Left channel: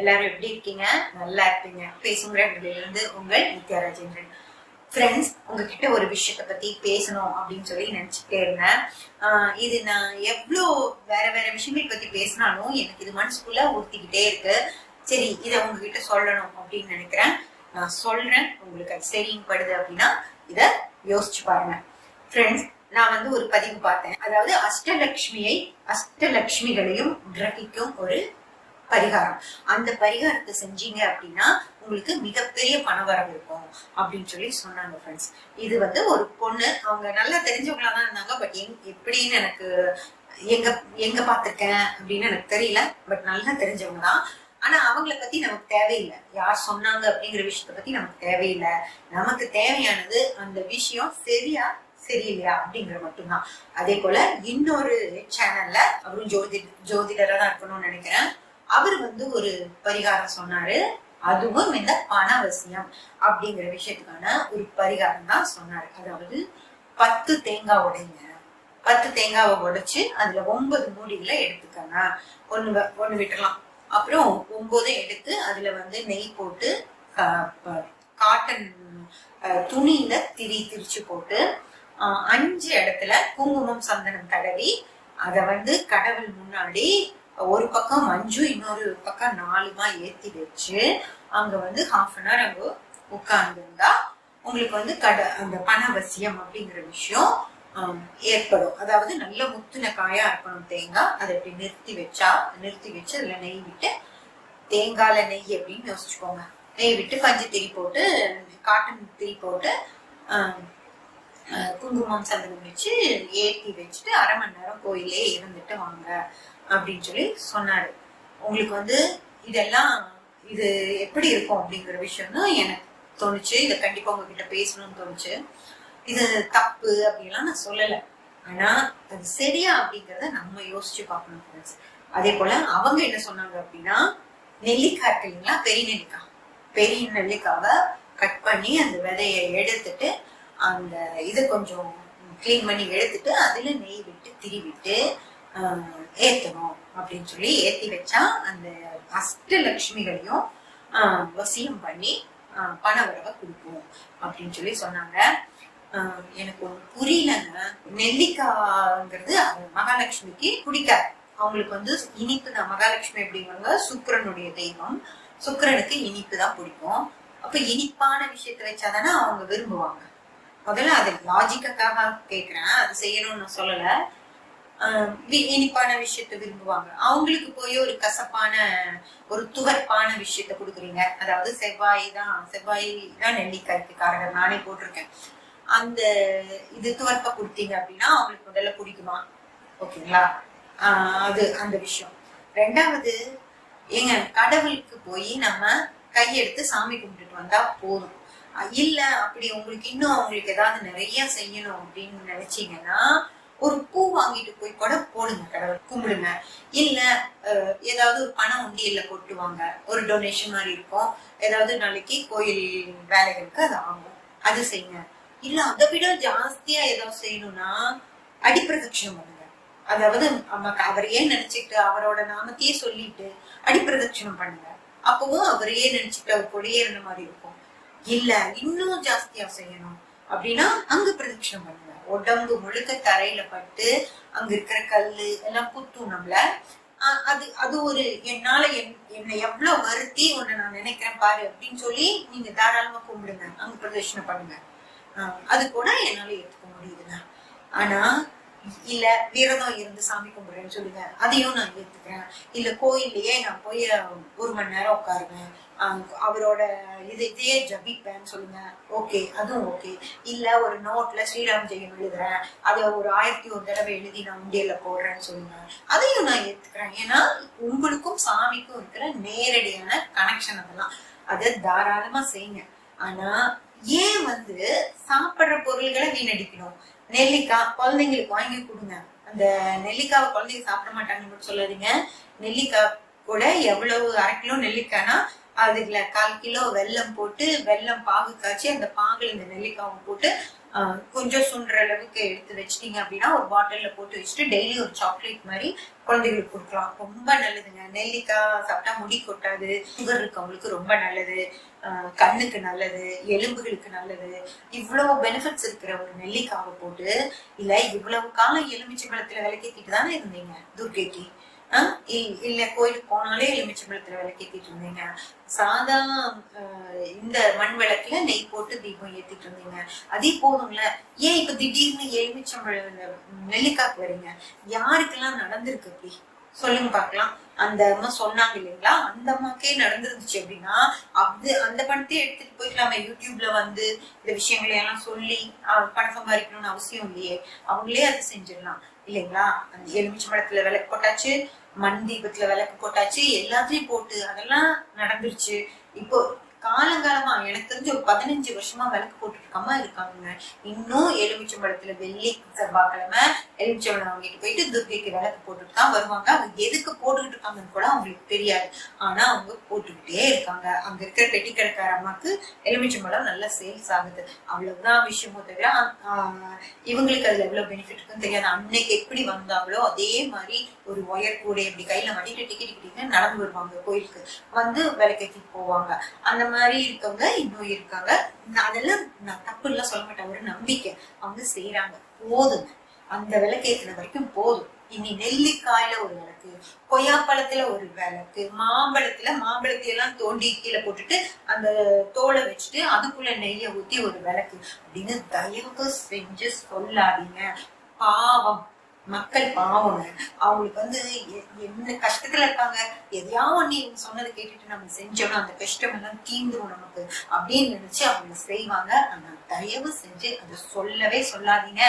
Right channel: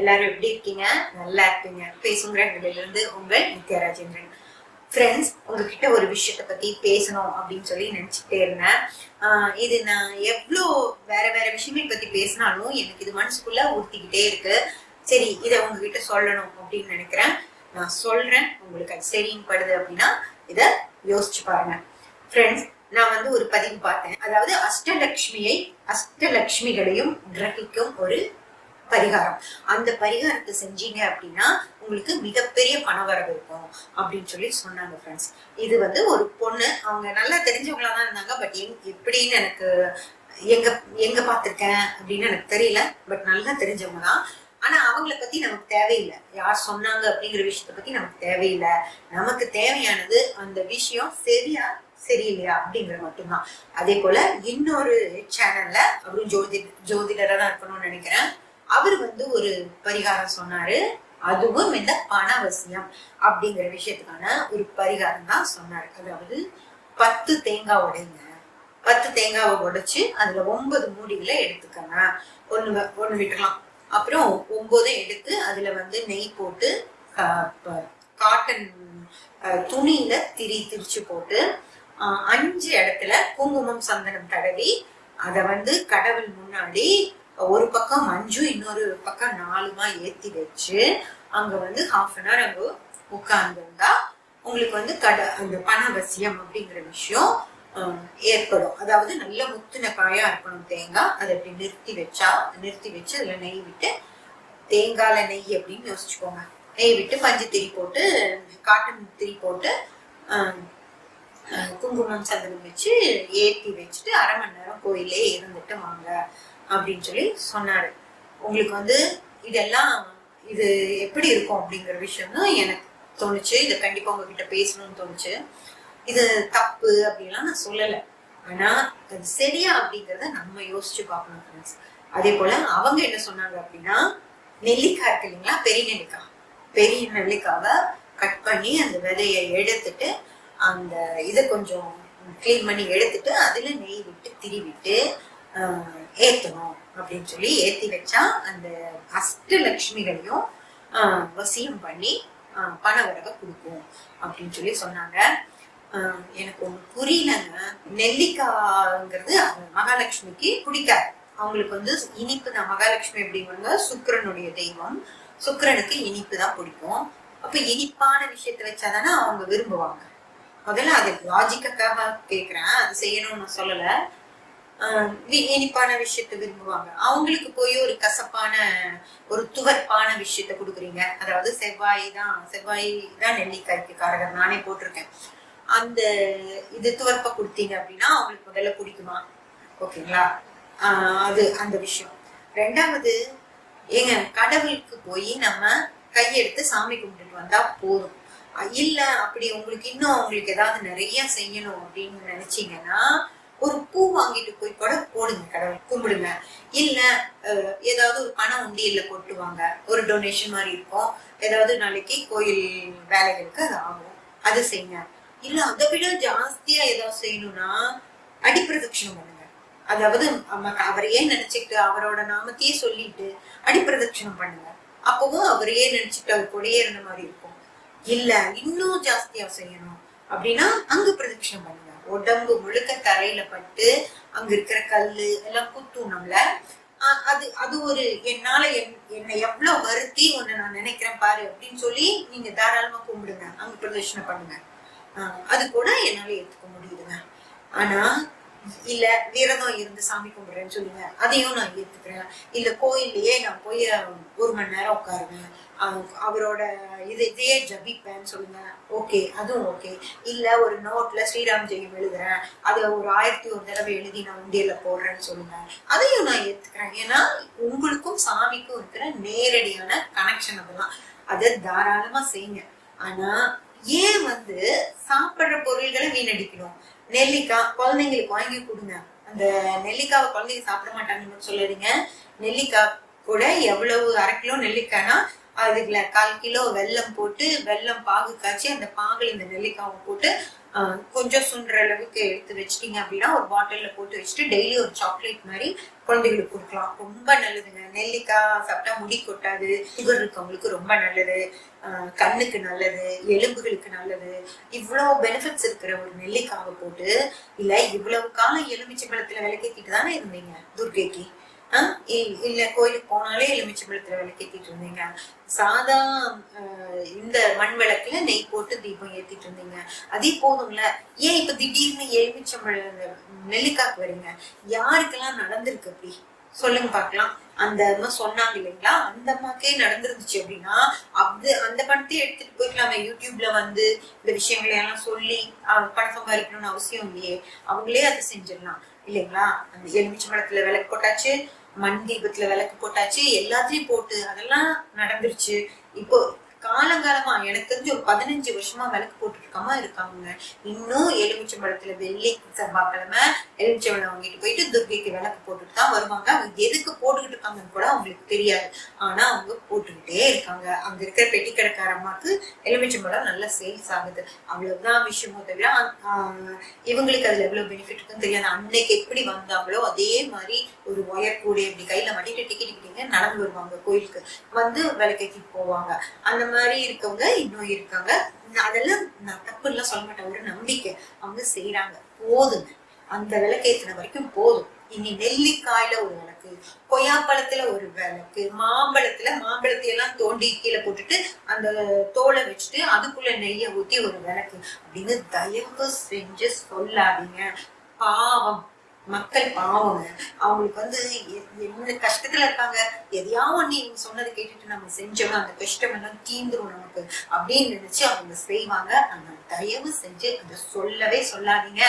எல்லாரும் எப்படி இருக்கீங்க? நல்லா இருப்பீங்க. பேசுங்கிற இருந்து உங்கள் நித்யா ராஜேந்திரன். ஃப்ரெண்ட்ஸ், உங்ககிட்ட ஒரு விஷயத்த பத்தி பேசணும் அப்படின்னு சொல்லி நினைச்சுட்டே இருந்தேன். இது நான் எவ்வளோ வேற வேற விஷயங்கள் பத்தி பேசினாலும் எனக்கு இது மனசுக்குள்ள ஊத்திக்கிட்டே இருக்கு. சரி, இதை உங்ககிட்ட சொல்லணும் அப்படின்னு நினைக்கிறேன். நான் சொல்றேன், உங்களுக்கு அது சரின்னு படுது அப்படின்னா இதை யோசிச்சு பாருங்க. ஃப்ரெண்ட்ஸ், நான் ஒரு பதிவு பார்த்தேன். அதாவது அஷ்டலட்சுமிகளையும் கிரகிக்கும் ஒரு பரிகாரம். அந்த பரிகாரத்தை செஞ்சீங்க அப்படின்னா உங்களுக்கு மிகப்பெரிய பணவரவு இருக்கும் அப்படின்னு சொல்லி சொன்னாங்க. ஃப்ரெண்ட்ஸ், இது ஒரு பொண்ணு, அவங்க நல்லா தெரிஞ்சவங்களா தான் இருந்தாங்க. பட் எப்படின்னு எனக்கு எங்க பார்த்திருக்கேன் அப்படின்னு எனக்கு தெரியல. பட் நல்லா தெரிஞ்சவங்க தான். ஆனா அவங்கள பத்தி நமக்கு தேவையில்லை. யார் சொன்னாங்க அப்படிங்கிற விஷயத்த பத்தி நமக்கு தேவையில்லை. நமக்கு தேவையானது அந்த விஷயம் சரியா சரியில்லையா அப்படிங்கிற மட்டும்தான். அதே போல இன்னொரு சேனல்ல அவரும் ஜோதிடரா தான் இருக்கணும்னு நினைக்கிறேன். அவர் ஒரு பரிகாரம் சொன்னாரு. அதுவும் இந்த பணவசியம் அப்படிங்கிற விஷயத்துக்கான ஒரு பரிகாரம் தான் சொன்னாரு. அதாவது 10 தேங்காய் உடைங்க. 10 தேங்காவை உடைச்சு அதுல 9 மூடிகளை எடுத்துக்கங்க. ஒண்ணு விட்டுலாம். அப்புறம் 9 எடுத்து அதுல நெய் போட்டு காட்டன் துணியில திரிச்சு போட்டு 5 இடத்துல குங்குமம் சந்தனம் தடவி அதை கடவுள் முன்னாடி ஒரு பக்கம் 5 இன்னொரு பக்கம் 4 ஏத்தி வச்சு அங்க ½ அங்க உட்கார்ந்துருந்தா உங்களுக்கு அந்த பணவசியம் அப்படிங்கிற விஷயம் ஏற்படும். அதாவது நல்ல முத்துன காயா இருக்கணும் தேங்காய். அதை அப்படி நிறுத்தி வச்சு அதுல நெய் விட்டு, தேங்காயில நெய் அப்படின்னு யோசிச்சுக்கோங்க. நெய் விட்டு பஞ்சு திரி போட்டு காட்டன் திரி போட்டு குங்குமம் சந்தனம் வச்சு ஏற்றி வச்சுட்டு 1/2 மணி நேரம் கோயிலே இருந்துட்டு வாங்க அப்படின்னு சொல்லி சொன்னாரு. உங்களுக்கு இதெல்லாம் இது எப்படி இருக்கும் அப்படிங்கிற விஷயம் தான் எனக்கு தோணுச்சு. இதை கண்டிப்பா உங்ககிட்ட பேசணும்னு தோணுச்சு. இது தப்பு அப்படின்லாம் நான் சொல்லலை. ஆனா அது சரியா அப்படிங்கிறத நம்ம யோசிச்சு பார்க்கணும் ஃப்ரெண்ட்ஸ். அதே போல அவங்க என்ன சொன்னாங்க அப்படின்னா, நெல்லிக்காய் இருக்கு இல்லைங்களா, பெரிய நெல்லிக்காவை கட் பண்ணி அந்த விதையை எடுத்துட்டு அந்த இதை கொஞ்சம் கிளீன் பண்ணி எடுத்துட்டு அதுல நெய் விட்டு திரிவிட்டு ஏத்தணும் அப்படின்னு சொல்லி ஏத்தி வச்சா அந்த அஷ்டலட்சுமிகளையும் வசியம் பண்ணி பணவரவை கொடுக்கும் அப்படின்னு சொல்லி சொன்னாங்க. எனக்கு ஒண்ணு புரியலங்க. நெல்லிக்காய்ங்கிறது மகாலட்சுமிக்கு பிடிக்காது. அவங்களுக்கு இனிப்பு தான். மகாலட்சுமி அப்படிங்கிறவங்க சுக்கிரனுடைய தெய்வம். சுக்கிரனுக்கு இனிப்பு தான் பிடிக்கும். அப்ப இனிப்பான விஷயத்த வச்சாதானே அவங்க விரும்புவாங்க. முதல்ல அது லாஜிக்காக கேட்கிறேன், அது செய்யணும்னு நான் சொல்லல. இனிப்பான விஷயத்த விரும்புவாங்க. அவங்களுக்கு போய் ஒரு கசப்பான ஒரு துவர்ப்பான விஷயத்த கொடுக்குறீங்க. அதாவது செவ்வாய் தான் நெல்லிக்காய்க்கு காரகர். நானே போட்டிருக்கேன். அந்த இது துவர்ப்ப கொடுத்தீங்க அப்படின்னா அவங்களுக்கு முதல்ல பிடிக்குமா? ஓகேங்களா? அது அந்த விஷயம். 2வது, கடவுளுக்கு போய் நம்ம கையெடுத்து சாமி கும்பிட்டுட்டு வந்தா போதும். இல்ல அப்படி உங்களுக்கு ஏதாவது நிறைய செய்யணும் அப்படின்னு நினைச்சீங்கன்னா ஒரு பூ வாங்கிட்டு போய் கூட போடுங்க, கடவுள் கும்பிடுங்க. இல்ல ஏதாவது ஒரு பணம் உண்டியல்ல கொட்டுவாங்க, ஒரு டொனேஷன் மாதிரி இருக்கும். ஏதாவது நாளைக்கு கோயில் வேலைகளுக்கு அது ஆகும், அது செய்யுங்க. இல்ல அதை விட ஜாஸ்தியா ஏதாவது செய்யணும்னா அடிப்பிரதட்சணம் பண்ணுங்க. அதாவது அவரையே நினைச்சுட்டு அவரோட நாமத்தையே சொல்லிட்டு அடிப்பிரதட்சணம் பண்ணுங்க. அப்பவும் அவரையே நினைச்சுட்டு அவர் கூடயே இருந்த மாதிரி இருக்கும். இல்ல இன்னும் ஜாஸ்தியா செய்யணும் அப்படின்னா அங்கு பிரதட்சணம் பண்ணுங்க. உடம்பு முழுக்க தரையில பட்டு அங்க இருக்கிற கல்லு எல்லாம் குத்தும் நம்மள. அது ஒரு என்னால என்னை எவ்வளவு வருத்தி உன்னை நான் நினைக்கிறேன் பாரு அப்படின்னு சொல்லி நீங்க தாராளமா கும்பிடுங்க, அங்க பிரதட்சணம் பண்ணுங்க. அது கூட என்னால ஏத்துக்க முடியுதுங்க. ஆனா இல்ல விரதம் இருந்து சாமி கும்பிடுறேன்னு சொல்லுங்க, அதையும் நான் ஏத்துக்கிறேன். இல்ல கோயிலையே நான் போய் 1 மணி நேரம் உட்காருவேன், அவரோட இதையே ஜபிப்பேன்னு சொல்லுங்க, ஓகே, அதுவும் ஓகே. இல்ல ஒரு நோட்ல ஸ்ரீராம் ஜெயம் எழுதுறேன், அதை ஒரு 1001 தடவை எழுதி நான் உண்டியல்ல போடுறேன்னு சொல்லுங்க, அதையும் நான் ஏத்துக்கிறேன். ஏன்னா உங்களுக்கும் சாமிக்கும் இருக்கிற நேரடியான கனெக்ஷன் அதெல்லாம். அதை தாராளமா செய்யுங்க. ஆனா ஏன் சாப்பிடுற பொருள்களை வீணடிக்கணும்? நெல்லிக்காய் குழந்தைங்களுக்கு வாங்கி கொடுங்க. அந்த நெல்லிக்காவை குழந்தைங்க சாப்பிட மாட்டாங்கன்னு சொல்லாதீங்க. நெல்லிக்காய் கூட எவ்வளவு 1/2 கிலோ நெல்லிக்காய்னா அதுல 1/4 கிலோ வெல்லம் போட்டு வெல்லம் பாகு காய்ச்சி அந்த பாகுல இந்த நெல்லிக்காவை போட்டு கொஞ்சம் சுண்டுற அளவுக்கு எடுத்து வச்சிட்டீங்க அப்படின்னா ஒரு பாட்டில்ல போட்டு வச்சுட்டு டெய்லி ஒரு சாக்லேட் மாதிரி குழந்தைகளுக்கு கொடுக்கலாம். ரொம்ப நல்லதுங்க. நெல்லிக்காய் சாப்பிட்டா முடி கொட்டாது, சுகர் இருக்கவங்களுக்கு ரொம்ப நல்லது, கண்ணுக்கு நல்லது, எலும்புகளுக்கு நல்லது. இவ்வளவு பெனிஃபிட்ஸ் இருக்கிற ஒரு நெல்லிக்காவை போட்டு இல்ல இவ்வளவு காலம் எலுமிச்சம்பழத்துல விளக்கேத்திட்டு தானே இருந்தீங்க துர்க்கைக்கு. இல்ல கோயிலுக்கு போனாலே எலுமிச்சம்பழத்துல விளக்கேத்திட்டு இருந்தீங்க. சாதா இந்த மண் விளக்குல நெய் போட்டு தீபம் ஏத்திட்டு இருந்தீங்க. அதே போதும்ல. ஏன் இப்ப திடீர்னு எலுமிச்சம்பழ நெல்லிக்காக்கு வரீங்க? யாருக்கெல்லாம் நடந்திருக்கு அப்படி சொல்லுங்க பாக்கலாம். அந்த அம்மா சொன்னாங்க இல்லைங்களா, அந்த அம்மாக்கே நடந்துருந்துச்சு அப்படின்னா அந்த பணத்தையும் எடுத்துட்டு போயிட்டு நம்ம யூடியூப்ல வந்து இந்த விஷயங்களை எல்லாம் சொல்லி பணம் சம்பாதிக்கணும்னு அவசியம் இல்லையே. அவங்களே அதை செஞ்சிடலாம் இல்லைங்களா. அந்த எலுமிச்சம்பழத்துல விளக்கு போட்டாச்சு, மண் தீபத்துல விளக்கு போட்டாச்சு, எல்லாத்தையும் போட்டு அதெல்லாம் நடந்துருச்சு. இப்போ காலங்காலமா எனக்கு தெரிஞ்சு ஒரு 15 வருஷமா விளக்கு போட்டுட்டு இருக்காங்க. இன்னும் எலுமிச்சம்பழத்துல வெள்ளி செவ்வாய்க்கிழமை எலுமிச்சம்பழம் வாங்கிட்டு போயிட்டு துர்க்கைக்கு விளக்கு போட்டுட்டு தான் வருவாங்க. அவங்க எதுக்கு போட்டுக்கிட்டு இருக்காங்கன்னு கூட அவங்களுக்கு தெரியாது. ஆனா அவங்க போட்டுக்கிட்டே இருக்காங்க. அங்க இருக்கிற பெட்டி கடைக்கார அம்மாக்கு எலுமிச்சம்பழம் நல்லா சேல்ஸ் ஆகுது. அவ்வளவுதான் விஷயமோ தவிர இவங்களுக்கு அதுல எவ்வளவு பெனிஃபிட் இருக்குன்னு தெரியாது. அன்னைக்கு எப்படி வந்தாங்களோ அதே மாதிரி ஒரு ஒயர் கூட இப்படி கையில மாட்டிட்டு டிக்கெட் நடந்து வருவாங்க, கோயிலுக்கு வந்து விளக்கேற்றிட்டு போவாங்க. அந்த மாதிரி இருக்கவங்க இன்னும் இருக்காங்க. அதெல்லாம் நான் தப்பு எல்லாம் சொல்ல மாட்டேன், ஒரு நம்பிக்கை. அவங்க செய்யறாங்க, போதுங்க. அந்த விளக்கேற்றின வரைக்கும் போதும். இனி நெல்லிக்காயில ஒரு விளக்கு, கொய்யாப்பழத்துல ஒரு விளக்கு, மாம்பழத்தை எல்லாம் தோண்டி கீழே போட்டுட்டு அந்த தோலை வச்சுட்டு அதுக்குள்ள நெய்யை ஊத்தி ஒரு விளக்கு அப்படின்னு தயவு செஞ்சு சொல்லாதீங்க. பாவம், மக்கள் பாவங்க. அவங்களுக்கு வந்து என்ன கஷ்டத்துல இருக்காங்க, எதையாவது ஒண்ணு இவங்க சொன்னதை கேட்டுட்டு நம்ம செஞ்சோம்னா அந்த கஷ்டம் எல்லாம் தீந்துரும் நமக்கு அப்படின்னு நினைச்சு அவங்க செய்வாங்க. நம்ம தயவு செஞ்சு அதை சொல்லவே சொல்லாதீங்க.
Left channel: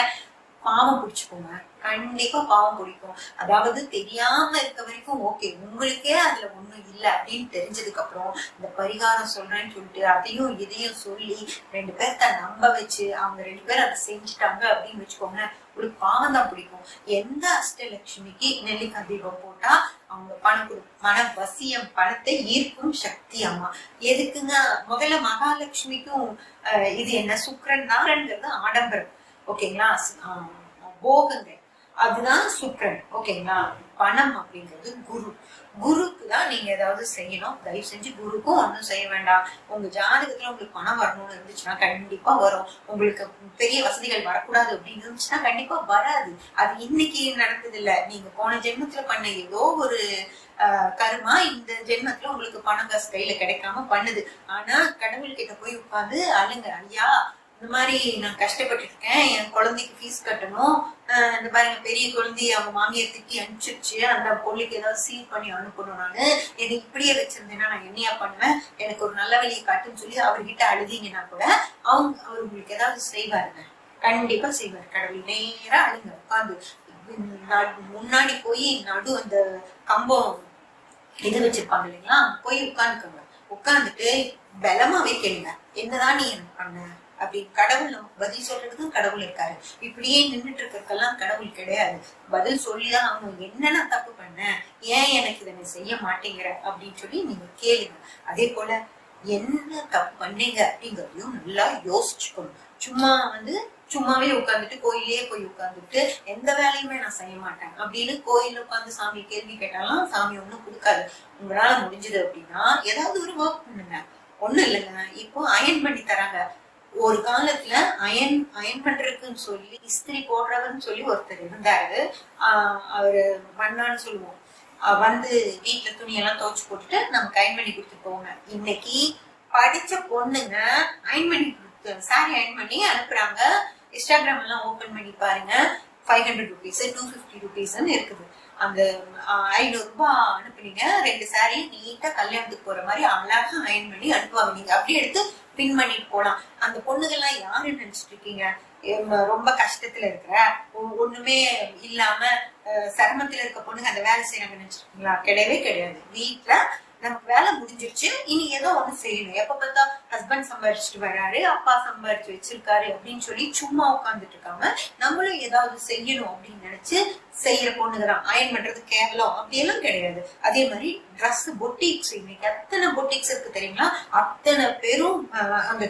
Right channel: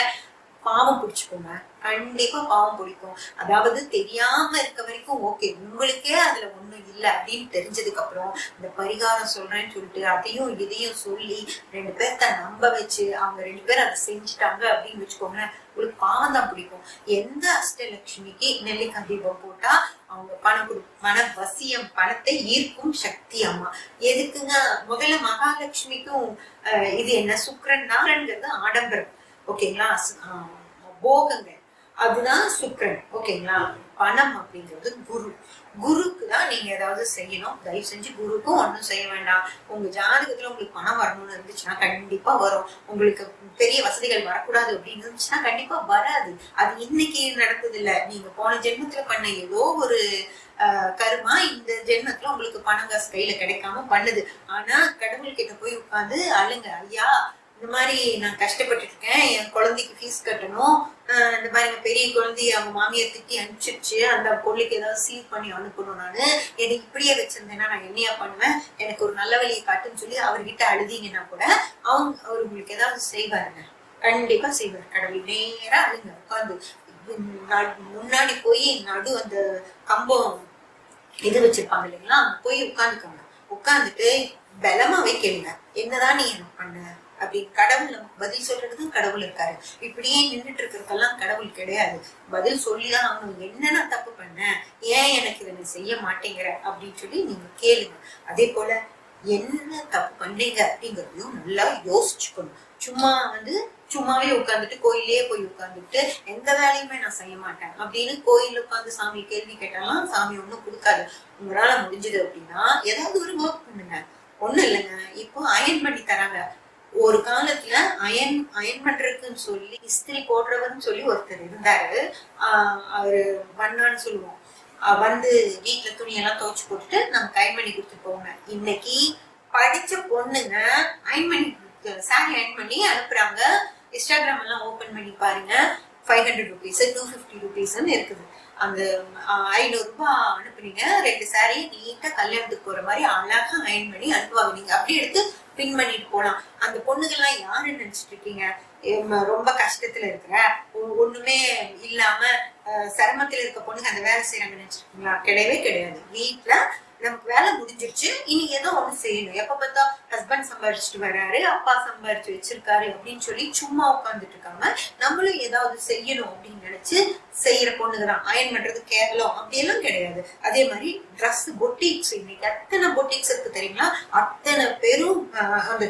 பாவம் பிடிச்சுக்கோங்க, கண்டிப்பா பாவம் பிடிக்கும். அதாவது தெரியாம இருக்க வரைக்கும் ஓகே, உங்களுக்கே அதுல ஒண்ணும் இல்லை அப்படின்னு தெரிஞ்சதுக்கு அப்புறம் இந்த பரிகாரம் சொல்றேன்னு சொல்லிட்டு அதையும் இதையும் சொல்லி 2 பேர்த்த நம்ப வச்சு அவங்க 2 பேரும் அதை செஞ்சுட்டாங்க அப்படின்னு வச்சுக்கோங்க, உங்களுக்கு பாவம் தான் பிடிக்கும். எந்த அஷ்டலட்சுமிக்கு நெல்லிக்காய் தீபம் போட்டா அவங்க பணம் பண வசியம், பணத்தை ஈர்க்கும் சக்தி அம்மா. எதுக்குங்க? முதல்ல மகாலட்சுமிக்கும் இது என்ன சுக்கிரன் நாரன்கிறது ஆடம்பரம் ஓகேங்களா, போகங்கள் அதுதான் சுக்கிரன் ஓகேங்களா. பணம் அப்படிங்கிறது குரு. குருக்கு தான் நீங்க ஏதாவது செய்யணும். தயவு செஞ்சு குருக்கும் ஒன்றும் செய்ய வேண்டாம். உங்க ஜாதகத்துல உங்களுக்கு பணம் வரணும்னு இருந்துச்சுன்னா கண்டிப்பா வரும். உங்களுக்கு பெரிய வசதிகள் வரக்கூடாது அப்படின்னு இருந்துச்சுன்னா கண்டிப்பா வராது. அது இன்னைக்கு நடந்தது இல்ல, நீங்க போன ஜென்மத்துல பண்ண ஏதோ ஒரு கருமா இந்த ஜென்மத்துல உங்களுக்கு பணம் காசு கையில கிடைக்காம பண்ணுது. ஆனா கடவுள் கிட்ட போய் உட்கார்ந்து அழுங்க, ஐயா இந்த மாதிரி நான் கஷ்டப்பட்டு இருக்கேன், என் குழந்தைக்கு ஃபீஸ் கட்டணும், இந்த மாதிரி பெரிய குழந்தைய அவங்க மாமியார் திட்டி அனுப்பிச்சிருச்சு, அந்த பொருளுக்கு ஏதாவது சீர் பண்ணி அனுப்பணும், நானு என்னை இப்படியே வச்சிருந்தேன்னா நான் என்னையா பண்ணுவேன், எனக்கு ஒரு நல்ல வழியை காட்டுன்னு சொல்லி அவர்கிட்ட அழுதிங்கன்னா கூட அவர் உங்களுக்கு ஏதாவது செய்வாருங்க, கண்டிப்பா செய்வார். கடவுள் நேரா அழுங்க, உட்காந்து முன்னாடி போய் நடு அந்த கம்பம் இது வச்சிருப்பாங்க இல்லைங்களா, போய் உட்காந்துக்கோங்க. உட்காந்துட்டு பலமாவே கேளுங்க, என்னதான் நீ எனக்கு பண்ண அப்படின்னு. கடவுள் நமக்கு பதில் சொல்றதுக்கும் கடவுள் இருக்காரு. இப்படியே நின்றுட்டு இருக்கிறதுக்கெல்லாம் கடவுள் கிடையாது. பதில் சொல்லிதான் அவனுக்கு என்ன நான் தப்பு பண்ணேன், ஏன் எனக்கு இதை நீ செய்ய மாட்டேங்கிற அப்படின்னு சொல்லி நீங்க கேளுங்க. அதே போல என்ன தப்பு பண்ணீங்க அப்படிங்கிறதையும் நல்லா யோசிச்சுக்கணும். சும்மாவே உட்காந்துட்டு கோயிலே போய் உட்காந்துட்டு எந்த வேலையுமே நான் செய்ய மாட்டேன் அப்படின்னு கோயில உட்காந்து சாமி கேள்வி கேட்டாலும் சாமி ஒண்ணும் கொடுக்காது. உங்களால முடிஞ்சது அப்படின்னா ஏதாவது ஒரு ஒர்க் பண்ணுங்க. ஒண்ணும் இல்லைங்க, இப்போ அயன் பண்ணி தராங்க. ஒரு காலத்துல அயன் பண்றதுக்குன்னு சொல்லி இஸ்திரி போடுறவர்னு சொல்லி ஒருத்தர் இருந்தாரு. அவரு வண்ணான்னு சொல்லுவோம். வந்து வீட்டுல துணியெல்லாம் துவைச்சு போட்டுட்டு நமக்கு அயன் பண்ணி கொடுத்துட்டு போவாங்க. இன்னைக்கு படிச்ச பொண்ணுங்க அயன் பண்ணி சாரி அயன் பண்ணி அனுப்புறாங்க. இன்ஸ்டாகிராம் எல்லாம் ஓபன் பண்ணி பாருங்க, 500 rupees 250 rupeesன்னு இருக்குது. அந்த 500 ரூபாய் அனுப்புனீங்க, 2 சாரி நீட்டா கல்யாணத்துக்கு போற மாதிரி அழகா அயன் பண்ணி அனுப்புவாங்க. நீங்க அப்படி எடுத்து பின் பண்ணிட்டு போலாம். அந்த பொண்ணுகள்லாம் யாருன்னு நினைச்சிட்டு இருக்கீங்க? ரொம்ப கஷ்டத்துல இருக்கிற, ஒண்ணுமே இல்லாம சிரமத்துல இருக்க பொண்ணுங்க அந்த வேலை செய்யறாங்கன்னு நினைச்சிருக்கீங்களா? கிடையவே கிடையாது. வீட்டுல நமக்கு வேலை முடிஞ்சிருச்சு, இனி ஏதோ ஒண்ணு செய்யணும். எப்ப பார்த்தா ஹஸ்பண்ட் சம்பாரிச்சுட்டு வர்றாரு, அப்பா சம்பாரிச்சு வச்சிருக்காரு அப்படின்னு சொல்லி சும்மா உட்காந்துட்டு இருக்காம நம்மளும் ஏதாவது செய்யணும் அப்படின்னு நினைச்சு செய்யற பொண்ணுதான். அயன் பண்றது கேவலம் அப்படியெல்லாம் கிடையாது. அதே மாதிரி ட்ரெஸ் பொட்டிக்ஸ், இன்னைக்கு அத்தனை பொட்டிக்ஸ் இருக்கு தெரியுங்களா? அத்தனை பேரும் அந்த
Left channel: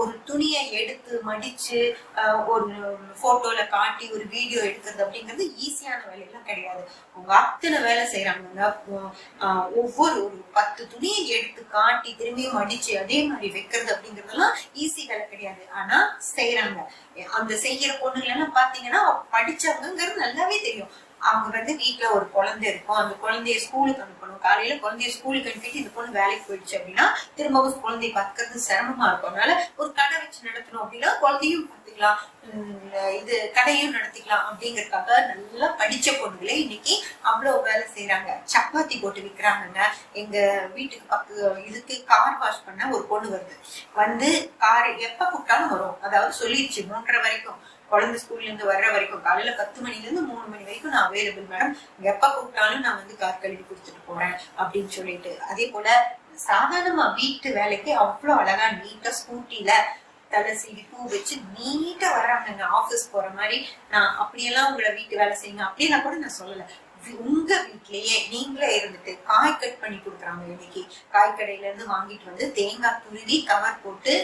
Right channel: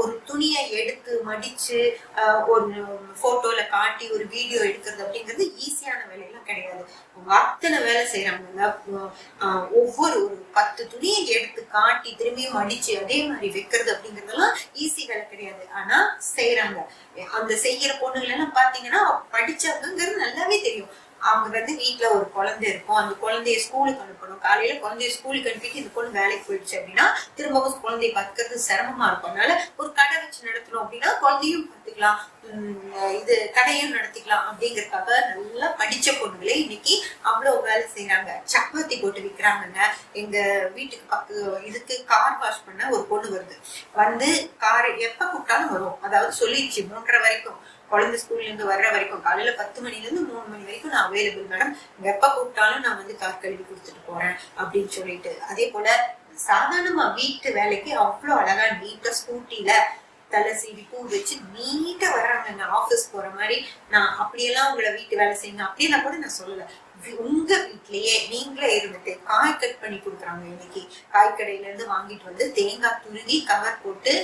ஒரு துணியை எடுத்து மடிச்சு ஒரு போட்டோல காட்டி ஒரு வீடியோ எடுக்கிறது அப்படிங்கிறது ஈஸியான வேலையெல்லாம் கிடையாது. அவங்க அத்தனை வேலை செய்யறாங்க. ஒவ்வொரு ஒரு 10 துணியை எடுத்து காட்டி திரும்பியும் மடிச்சு அதே மாதிரி வைக்கிறது அப்படிங்கறதெல்லாம் ஈஸி வேலை கிடையாது. ஆனா செய்யறாங்க. அந்த செய்யற பொண்ணுங்க எல்லாம் பாத்தீங்கன்னா படிச்சவங்கிறது நல்லாவே தெரியும். அவங்க வீட்டுல ஒரு குழந்தை இருக்கும், அந்த குழந்தைய ஸ்கூலுக்கு அனுப்பணும். காலையில குழந்தைய ஸ்கூலுக்கு அனுப்பிட்டு இந்த பொண்ணு வேலைக்கு போயிடுச்சு அப்படின்னா திரும்பவும் குழந்தைய பாத்துக்கிறது சிரமமா இருக்கும். அதனால ஒரு கடை வச்சு நடத்தணும் அப்படின்னா குழந்தையும் பாத்துக்கலாம், இது கடையும் நடத்திக்கலாம் அப்படிங்கறதுக்காக நல்லா படிச்ச பொண்ணுங்களே இன்னைக்கு அவ்வளவு வேலை செய்யறாங்க. சப்பாத்தி போட்டு விற்கிறாங்க. எங்க வீட்டுக்கு இதுக்கு கார் வாஷ் பண்ண ஒரு பொண்ணு வந்து காரை எப்ப கூப்பிட்டாலும் வரும். அதாவது சொல்லிடுச்சு 3:30 வரைக்கும் குழந்தை ஸ்கூல்ல இருந்து வர்ற வரைக்கும், காலையில 10 மணில இருந்து 3 மணி வரைக்கும் நான் அவைலபிள் மேடம், எப்ப கூப்பிட்டாலும் நான் கார் கழுவி கொடுத்துட்டு போறேன் அப்படின்னு சொல்லிட்டு. அதே போல சாதாரணமா வீட்டு வேலைக்கு அவ்வளவு அழகா நீட்டா ஸ்கூட்டில தலை சீடி பூ வச்சு நீட்டா வர்றாங்க. ஆபீஸ் போற மாதிரி. நான் அப்படியெல்லாம் உங்களை வீட்டு வேலை செய்யுங்க அப்படியெல்லாம் கூட நான் சொல்லல. உங்க வீட்லயே நீங்களே இருந்துட்டு காய் கட் பண்ணி கொடுக்குறாங்க. இன்னைக்கு காய்கடையில இருந்து வாங்கிட்டு வந்து தேங்காய் துருவி கவர் போட்டு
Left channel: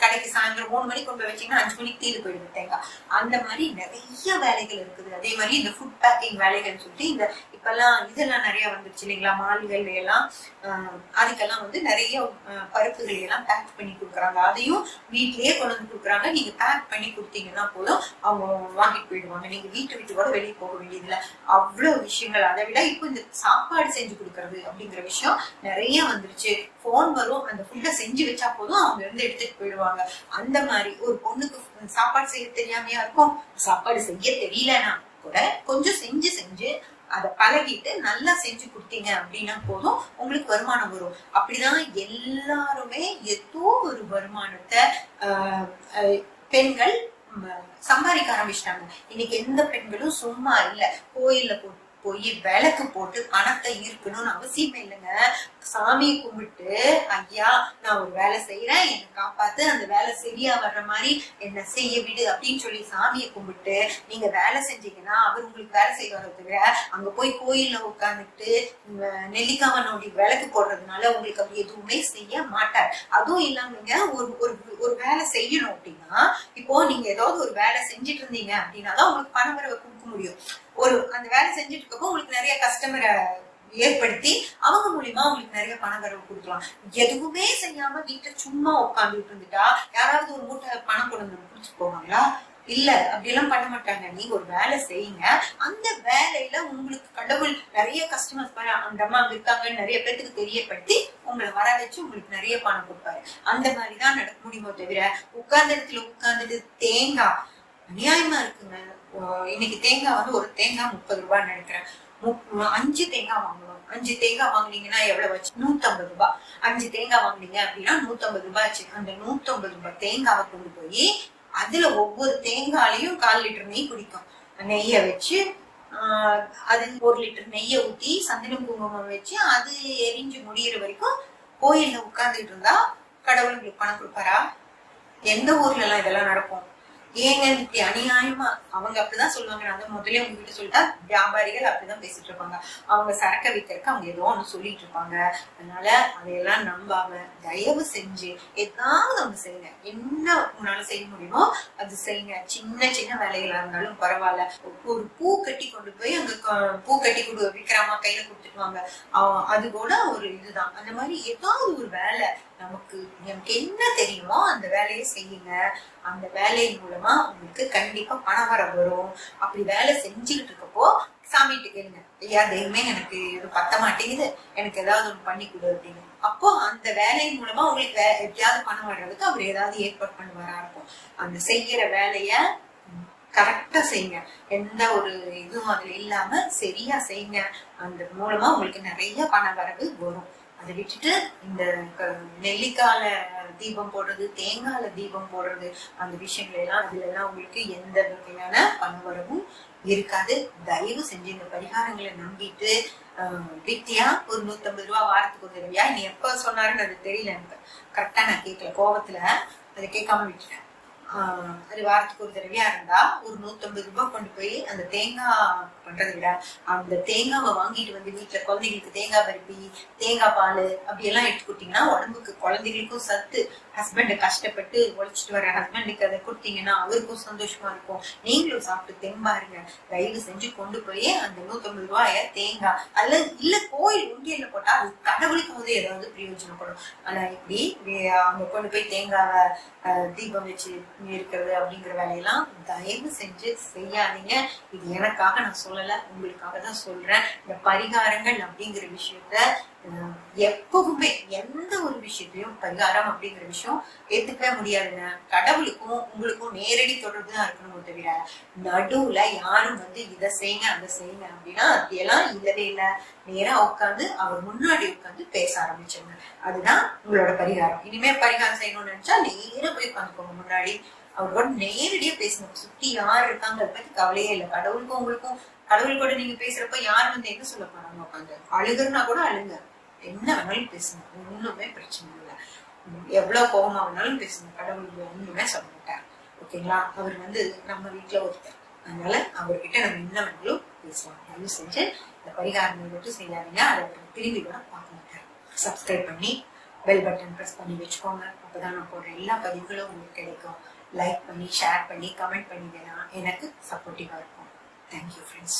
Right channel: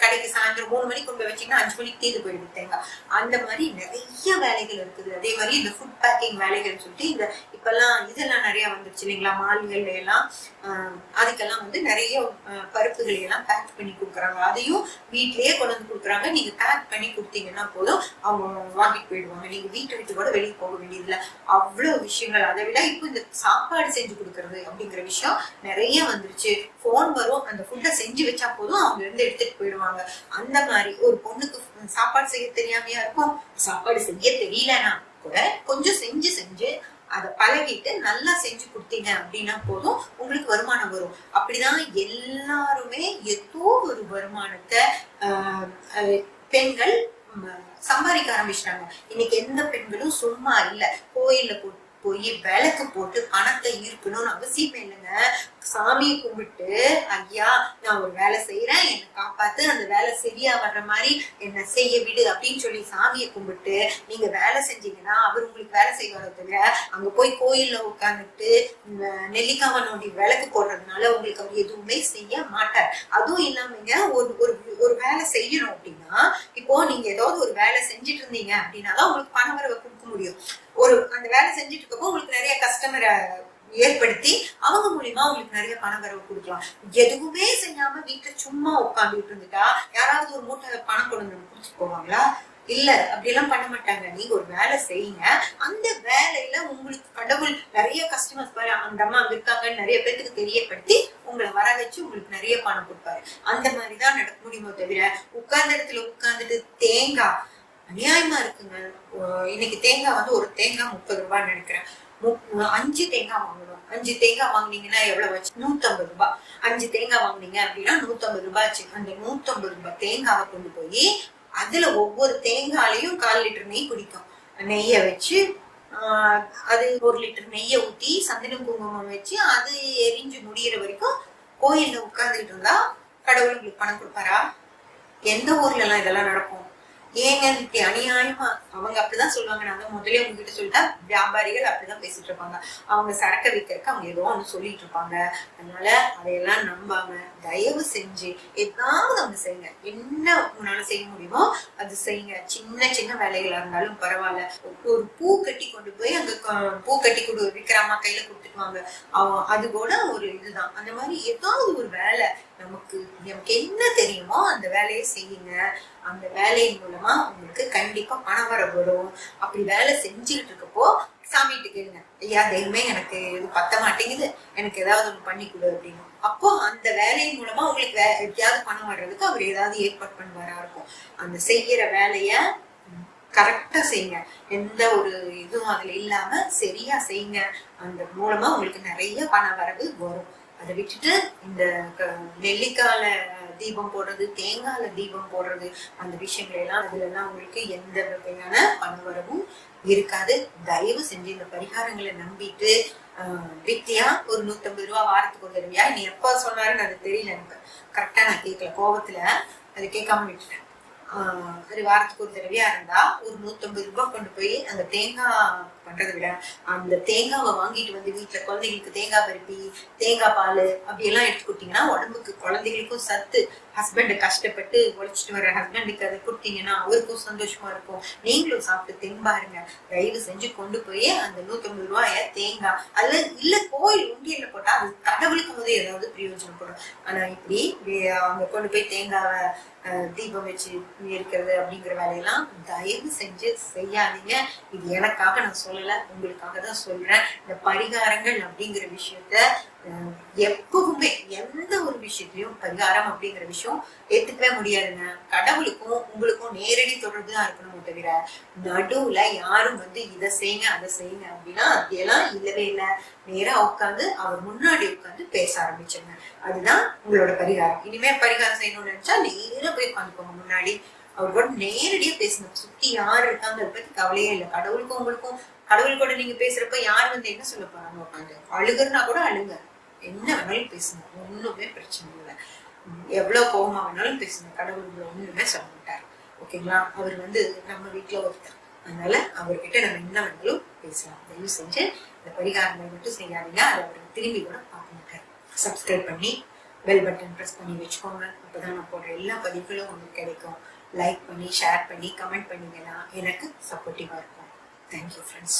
கடைக்கு சாயந்தரம் 3 மணிக்கு கொண்டு வச்சீங்கன்னா 5 மணிக்கு தீர்ந்து போயிடுது தேங்காய். அந்த மாதிரி நிறைய வேலைகள் இருக்குது. அதே மாதிரி இந்த ஃபுட் பேக்கிங் வேலைகள் சொல்லிட்டு இப்பெல்லாம் இதெல்லாம் நிறைய வந்துருச்சு இல்லைங்களா? மால்கள்ல எல்லாம் அதுக்கெல்லாம் நிறைய பருப்புகள் எல்லாம் பேக் பண்ணி கொடுக்குறாங்க. அதையும் வீட்லயே கொண்டு வந்து கொடுக்குறாங்க. நீங்க பேக் பண்ணி கொடுத்தீங்கன்னா போதும் அவங்க வாங்கிட்டு போயிடுவாங்க. நீங்க வீட்டு கூட வெளியே போக வேண்டியதில்லை. அவ்வளவு விஷயங்கள். அதை விட இப்போ இந்த சாப்பாடு செஞ்சு கொடுக்கறது அப்படிங்கிற விஷயம் நிறைய வந்துருச்சு. போன் வரும், அந்த ஃபுட்டை செஞ்சு வச்சா போதும் அவங்க இருந்து எடுத்துட்டு போயிடுவாங்க. அந்த மாதிரி ஒரு பொண்ணுக்கு சாப்பாடு செய்ய தெரியாமையா இருக்கும். சாப்பாடு செய்ய தெரியலன்னா கூட கொஞ்சம் செஞ்சு அதை பழகிட்டு நல்லா செஞ்சு கொடுத்தீங்க அப்படின்னா போதும் உங்களுக்கு வருமானம் வரும். அப்படிதான் எல்லாருமே ஏதோ ஒரு வருமானத்தை பெண்கள் சம்பாதிக்க ஆரம்பிச்சிட்டாங்க. இன்னைக்கு எந்த பெண்களும் சும்மா இல்ல. கோயில்ல போய் விளக்கு போட்டு பணத்தை ஈர்க்கணும்னு அவசியமே இல்லைங்க. சாமியை கும்பிட்டு ஐயா நான் ஒரு வேலை செய்யறேன், என்னை காப்பாத்து, அந்த வேலை சரியா வர்ற மாதிரி என்ன செய்ய விடு அப்படின்னு சொல்லி சாமியை கும்பிட்டு நீங்க வேலை செஞ்சீங்கன்னா அவர் உங்களுக்கு வேலை செய்வாரோ தவிர அங்க போய் கோயில்ல உட்காந்துட்டு நெல்லிக்காவை நோண்டி விளக்கு போடுறதுனால உங்களுக்கு அவர் எதுவுமே செய்ய மாட்டார். அதுவும் இல்லாமங்க ஒரு வேலை செய்யணும் அப்படின்னா இப்போ நீங்க ஏதாவது ஒரு வேலை செஞ்சுட்டு இருந்தீங்க அப்படின்னாதான் உங்களுக்கு பண வரவை கொடுக்க முடியும். அந்த வேலை செஞ்சுட்டு இருக்கப்போ உங்களுக்கு நிறைய கஸ்டமரை ஏற்படுத்தி அவங்க மூலியமா உங்களுக்கு நிறைய பண வரவு கொடுக்கலாம். எதுவுமே செய்யாம வீட்டுல சும்மா உட்காந்துட்டு இருந்துட்டா யாராவது ஒரு மூட்டை பணம் கொண்டு வந்து குடிச்சுட்டு போவாங்களா? இல்ல, அப்படியெல்லாம் பண்ண மாட்டாங்க. நீங்க ஒரு வேலை செய்யுங்க, அந்த வேலையில உங்களுக்கு கடவுள் நிறைய கஸ்டமர்ஸ் பாரு அந்த அம்மா அங்க இருக்காங்கன்னு நிறைய பேருக்கு தெரியப்படுத்தி உங்களை வர வச்சு உங்களுக்கு நிறைய பணம் கொடுப்பாரு. அந்த மாதிரிதான் நடக்க முடியுமோ தவிர உட்கார்ந்த இடத்துல உட்கார்ந்துட்டு தேங்காய் அநியாயமா இருக்குங்க. இன்னைக்கு தேங்காய் ஒரு தேங்காய் 30 ரூபான்னு நினைக்கிறேன். 5 தேங்காய் வாங்கணும். 5 தேங்காய் வாங்கினீங்கன்னா எவ்வளவு வச்சு? 150 ரூபாய். 5 தேங்காய் வாங்கினீங்க அப்படின்னா 150 ரூபாய் ஆச்சு. அந்த 150 ரூபாய் தேங்காவை கொண்டு போய் அதுல ஒவ்வொரு தேங்காயிலையும் 1/4 லிட்டர் நெய் குடிக்கும். நெய்ய வச்சு அது 1 லிட்டர் நெய்ய ஊத்தி சந்தனம் குங்குமம் வச்சு அது எரிஞ்சு முடிகிற வரைக்கும் கோயில்ல உட்கார்ந்துட்டு இருந்தா கடவுள் உங்களுக்கு பணம் கொடுப்பாரா? எந்த ஊர்ல எல்லாம் இதெல்லாம் நடக்கும்? ஏங்க இப்படி அநியாயமா? அவங்க அப்படிதான் சொல்லுவாங்க. நான் முதலே உங்ககிட்ட சொல்லிட்டா வியாபாரிகள் அப்படிதான் பேசிட்டு இருப்பாங்க. அவங்க சரக்க விற்கிறதுக்கு அவங்க ஏதோ ஒண்ணு சொல்லிட்டு இருப்பாங்க. அதனால அதையெல்லாம் நம்பாம தயவு செஞ்சு ஏதாவது ஒண்ணு செய்யுங்க. என்ன உங்களால செய்ய முடியுமோ அது செய்யுங்க. சின்ன சின்ன வேலைகளா இருந்தாலும் பரவாயில்ல. ஒரு பூ கட்டி கொண்டு போய் அங்க பூ கட்டி விற்கிறாமா கையில கொடுத்துட்டு வாங்க, அது கூட ஒரு இதுதான். அந்த மாதிரி ஏதாவது ஒரு வேலை நமக்கு என்ன தெரியுமோ அந்த வேலையை செய்யுங்க. அந்த வேலையின் மூலமா உங்களுக்கு கண்டிப்பா பணம் வர வரும். அப்படி வேலை செஞ்சுக்கிட்டு இருக்கப்போ சாமிகிட்ட கேளுங்க, ஐயா தெய்வமே எனக்கு இது பத்த மாட்டேங்குது, எனக்கு ஏதாவது ஒண்ணு பண்ணி கொடு அப்படின்னு. அப்போ அந்த வேலையின் மூலமா உங்களுக்கு எப்படியாவது பணம் வர்றதுக்கு அவர் ஏதாவது ஏற்பாடு பண்ணுவாரா இருக்கும். அந்த செய்யற வேலைய கரெக்டா செய்யுங்க. எந்த ஒரு இதுவும் அதுல இல்லாம சரியா செய்யுங்க. அந்த மூலமா உங்களுக்கு நிறைய பண வரவு வரும். அதை விட்டுட்டு இந்த நெல்லிக்கால தீபம் போடுறது, தேங்காயில தீபம் போடுறது, அந்த விஷயங்கள் எல்லாம் அதுல எல்லாம் உங்களுக்கு எந்த வகையான பணவரவும் இருக்காது. தயவு செஞ்சு இந்த பரிகாரங்களை நம்பிட்டு வித்தியா ஒரு 150 ரூபா வாரத்துக்கு ஒரு தடவையா, நீ எப்ப சொன்னாருன்னு அது தெரியல, எனக்கு கரெக்டா நான் கேட்கல, கோபத்துல அதை கேட்காம விட்டுட்டேன். அது வாரத்துக்கு ஒரு தடவையா இருந்தா ஒரு 150 ரூபாய் கொண்டு போய் அந்த தேங்காய் பண்றதை விட அந்த தேங்காவை வாங்கிட்டு வந்து வீட்டுல குழந்தைங்களுக்கு தேங்காய் பருப்பி, தேங்காய் பால் அப்படி எல்லாம் எடுத்து கொடுத்தீங்கன்னா உடம்புக்கு குழந்தைகளுக்கும் சத்து. ஹஸ்பண்ட் கஷ்டப்பட்டு உழைச்சிட்டு வர்ற ஹஸ்பண்டுக்கு அதை கொடுத்தீங்கன்னா அவருக்கும் சந்தோஷமா இருக்கும், நீங்களும் சாப்பிட்டு தெம்பாருங்க. தயவு செஞ்சு கொண்டு போய் அந்த 150 ரூபாய தேங்காய் அதுல இல்ல கோயில் உண்டியல்ல போட்டா அது கடவுளுக்கு போது ஏதாவது பிரயோஜனப்படும். ஆனா இப்படி அவங்க கொண்டு போய் தேங்காவை தீபம் வச்சு இருக்கிறது அப்படிங்கிற வேலையெல்லாம் தயவு செஞ்சு செய்யாதீங்க. இது எனக்காக நான் சொல்லல, உங்களுக்காக தான் சொல்றேன். இந்த பரிகாரங்கள் அப்படிங்கிற விஷயத்த எப்பவுமே எந்த ஒரு விஷயத்தையும் பரிகாரம் அப்படிங்கிற விஷயம் ஏத்துக்கவே முடியாதுங்க. கடவுளுக்கும் உங்களுக்கும் நேரடி தொடர்பு தான் இருக்கணும் தவிர நடுவுல யாரும் வந்து இதை செய்யுங்க அதை செய்யுங்க அப்படின்னா அதெல்லாம் இல்லவே இல்லை. நேரா உட்காந்து அவர் முன்னாடி உட்காந்து பேச ஆரம்பிச்சிருங்க. அதுதான் உங்களோட பரிகாரம். இனிமே பரிகாரம் செய்யணும்னு நினைச்சா நேரா போய் உட்காந்துக்கோங்க முன்னாடி, அவரோட நேரடியா பேசுங்க. சுத்தி யார் இருக்காங்க அதை பத்தி கவலையே இல்லை. கடவுளுக்கும் உங்களுக்கும், கடவுள் கூட நீங்க பேசுறப்ப யார் வந்து என்ன சொல்ல போறாங்க, உட்காந்து அழுகுறனா கூட அழுங்க, என்ன வேணாலும் பேசுங்க, ஒண்ணுமே பிரச்சனை இல்லை. எவ்வளவு கோபமா வேணாலும் பேசுங்க, கடவுள் ஒண்ணுமே சொல்ல மாட்டார். ஓகேங்களா? அவர் வந்து நம்ம வீட்டுல ஒருத்தர், அதனால அவர்கிட்ட நம்ம என்ன வேணாலும் பேசலாம். தயவு செஞ்சு இந்த பரிகாரங்கள் மட்டும் செய்யாதீங்க. அதை அவர் திரும்பி கூட பார்க்க மாட்டார். சப்ஸ்கிரைப் பண்ணி பெல் பட்டன் ப்ரெஸ் பண்ணி வச்சுக்கோங்க. அப்பதான் நான் போடுற எல்லா பதிவுகளும் உங்களுக்கு கிடைக்கும். லைக் பண்ணி ஷேர் பண்ணி கமெண்ட் பண்ணீங்கன்னா எனக்கு சப்போர்ட்டிவா இருக்கும். Thank you friends.